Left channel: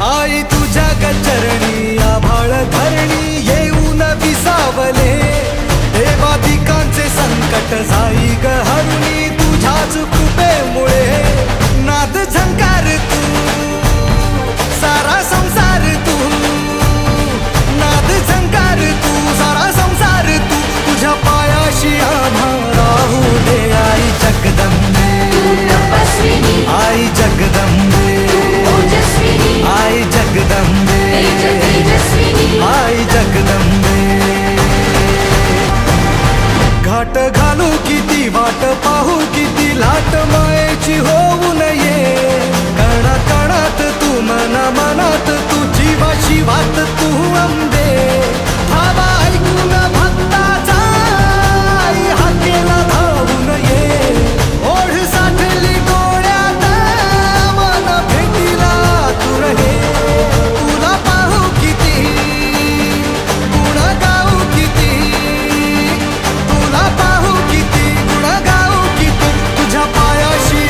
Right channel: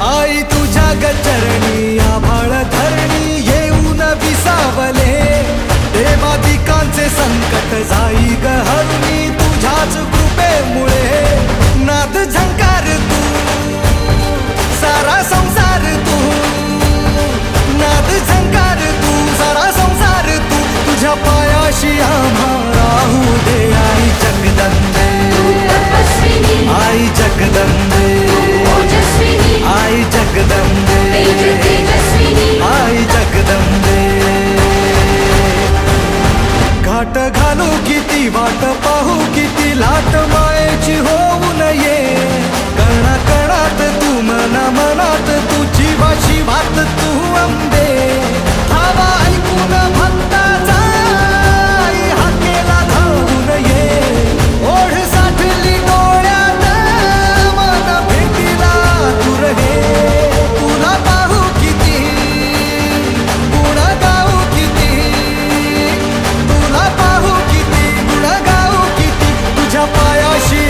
आई तुझ्या गचरणी आभाळ धरणी येऊन विसावले, देवादिकांचे संकट जाई ग हरुणी तुझ्याच कृपेमुळे। नाद झंकार तू सारा संसार तू, नाद झंकार तू सारा संसार तू, तुझ्या पायाशी आम्हा राहू दे आई जगदंबे, आई जगदंबे, आई जगदंबे, आई जगदंबे। घाट घालू किती वाट पाहू किती लाट मायेची होऊ नये, कणा कणात तू मना मनात तू जीवा शिवात तू अंबे। धावा ऐकून भक्ताचा आई हाकेला धावून ये, ओढ साठली डोळ्यात मन भेटीला तू रहे। तुला पाहू किती गुण गाऊ किती, तुला पाहू किती गुण गाऊ किती, तुझ्या पायाशी